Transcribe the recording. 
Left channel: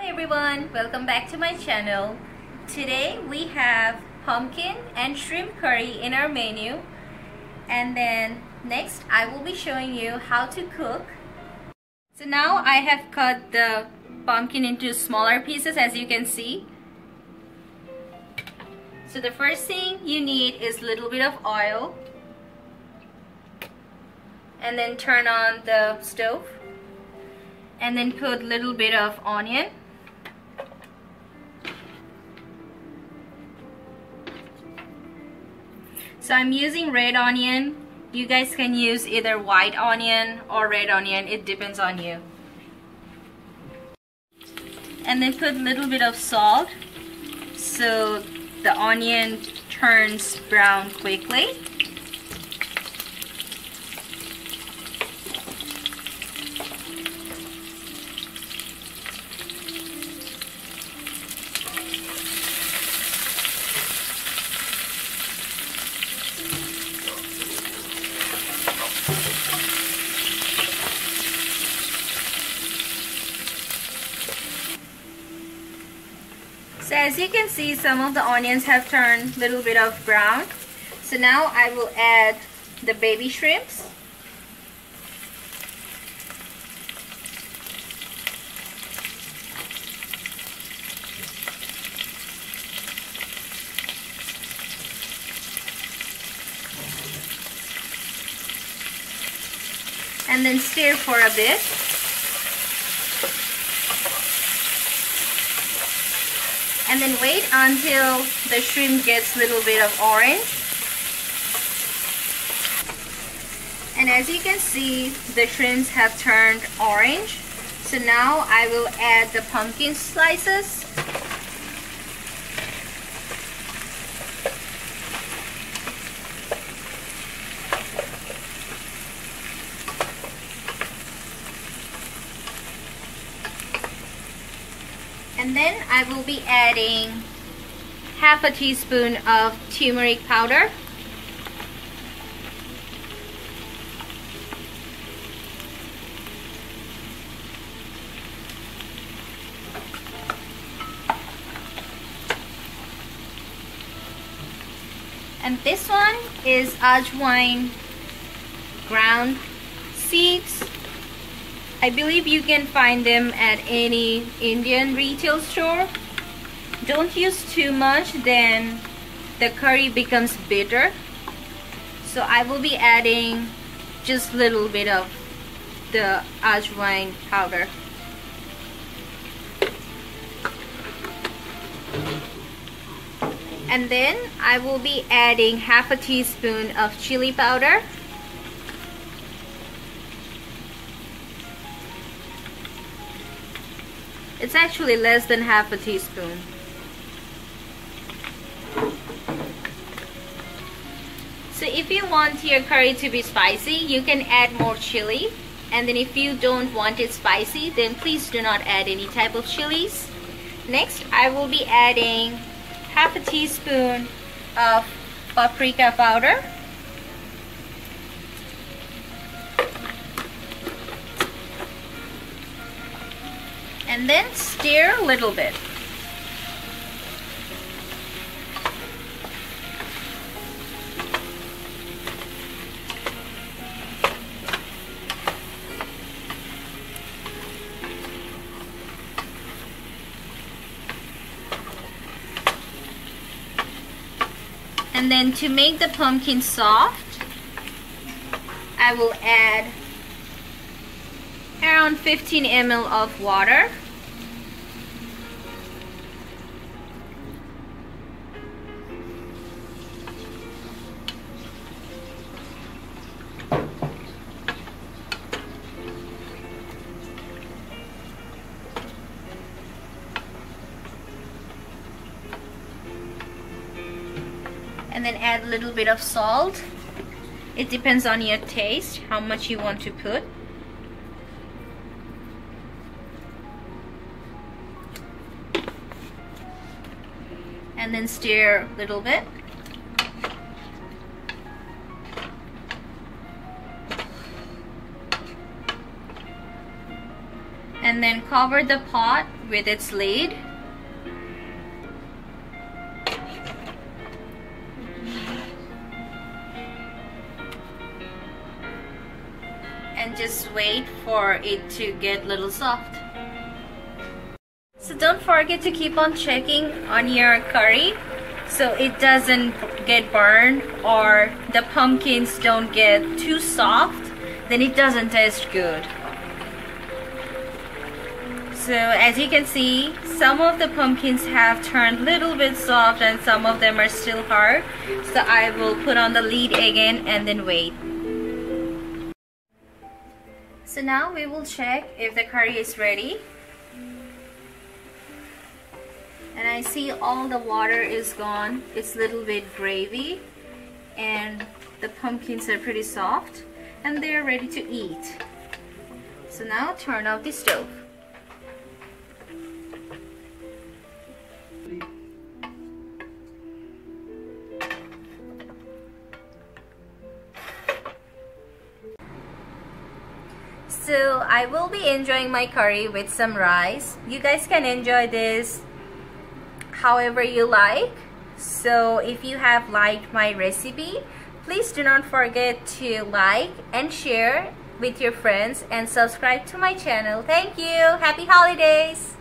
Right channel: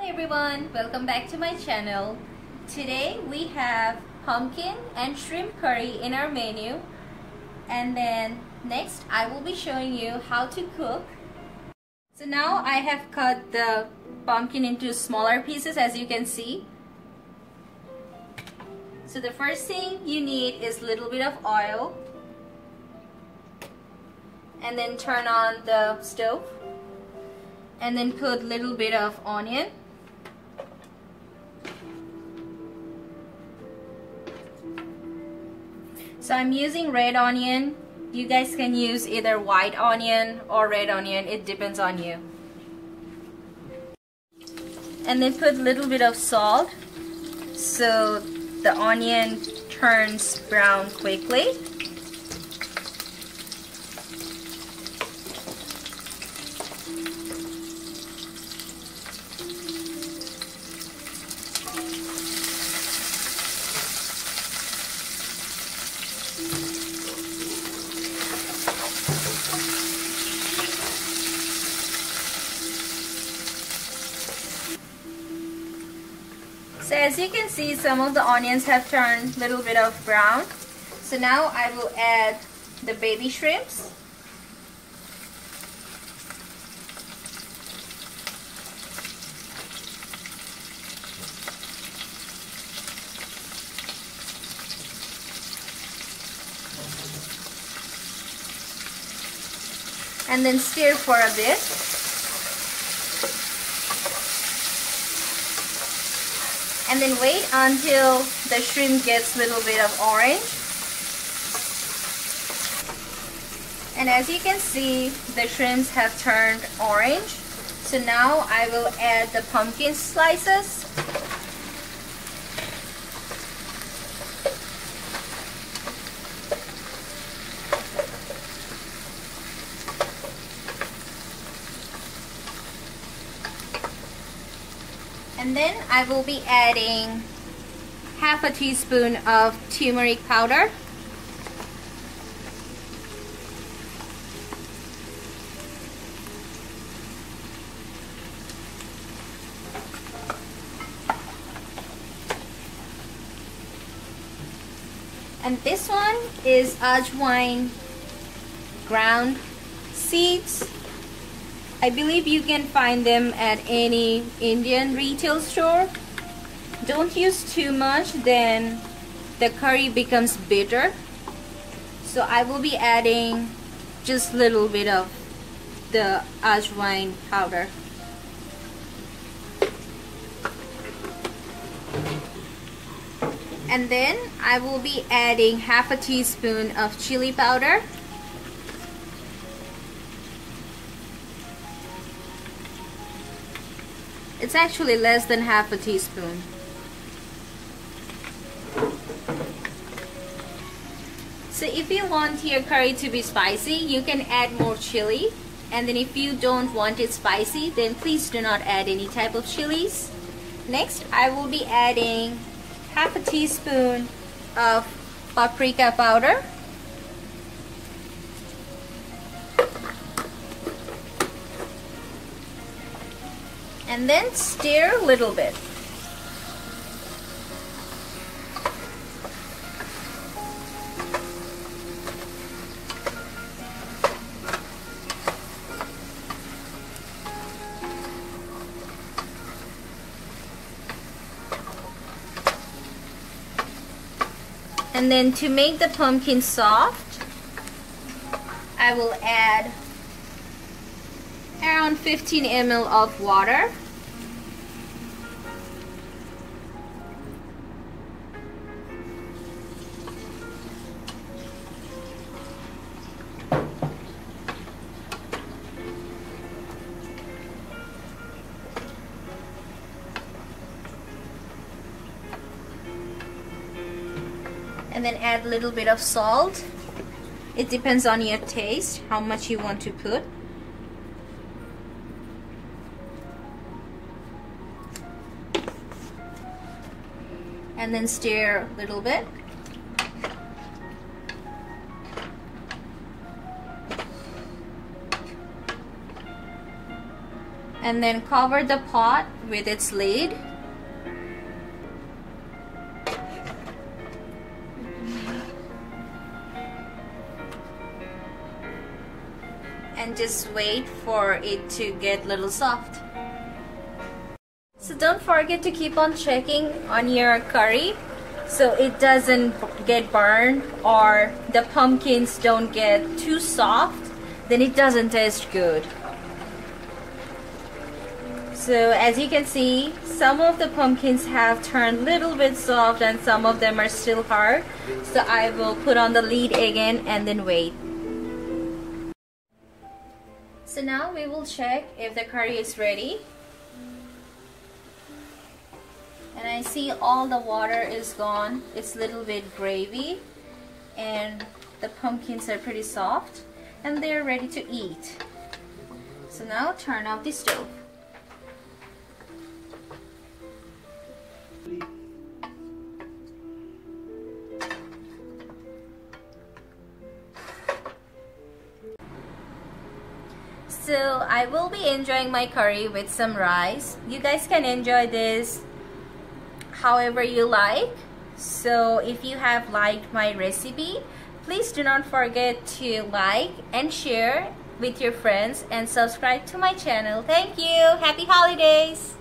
Hi everyone, welcome back to my channel. Today we have pumpkin and shrimp curry in our menu, and then next I will be showing you how to cook. So now I have cut the pumpkin into smaller pieces, as you can see. So the first thing you need is a little bit of oil, and then turn on the stove, and then put a little bit of onion, so I'm using red onion. You guys can use either white onion or red onion, it depends on you. And then put a little bit of salt so the onion turns brown quickly. So as you can see, some of the onions have turned a little bit of brown. So now I will add the baby shrimps. And then stir for a bit. And then wait until the shrimp gets a little bit of orange. And as you can see, the shrimps have turned orange. So now I will add the pumpkin slices. And then I will be adding half a teaspoon of turmeric powder. And this one is ajwain ground seeds. I believe you can find them at any Indian retail store. Don't use too much, then the curry becomes bitter. So I will be adding just a little bit of the ajwain powder. And then I will be adding half a teaspoon of chili powder. It's actually less than half a teaspoon. So if you want your curry to be spicy, you can add more chili. And then if you don't want it spicy, then please do not add any type of chilies. Next, I will be adding half a teaspoon of paprika powder. And then stir a little bit. And then to make the pumpkin soft, I will add around 15 ml of water. And then add a little bit of salt. It depends on your taste, how much you want to put. And then stir a little bit. and then cover the pot with its lid. And just wait for it to get a little soft. So don't forget to keep on checking on your curry so it doesn't get burned or the pumpkins don't get too soft, then it doesn't taste good. So as you can see, some of the pumpkins have turned a little bit soft and some of them are still hard. So I will put on the lid again and then wait. So now we will check if the curry is ready. And I see all the water is gone. It's a little bit gravy and the pumpkins are pretty soft and they're ready to eat. So now turn off the stove. So I will be enjoying my curry with some rice. You guys can enjoy this however you like. So if you have liked my recipe, please do not forget to like and share with your friends and subscribe to my channel. Thank you. Happy holidays.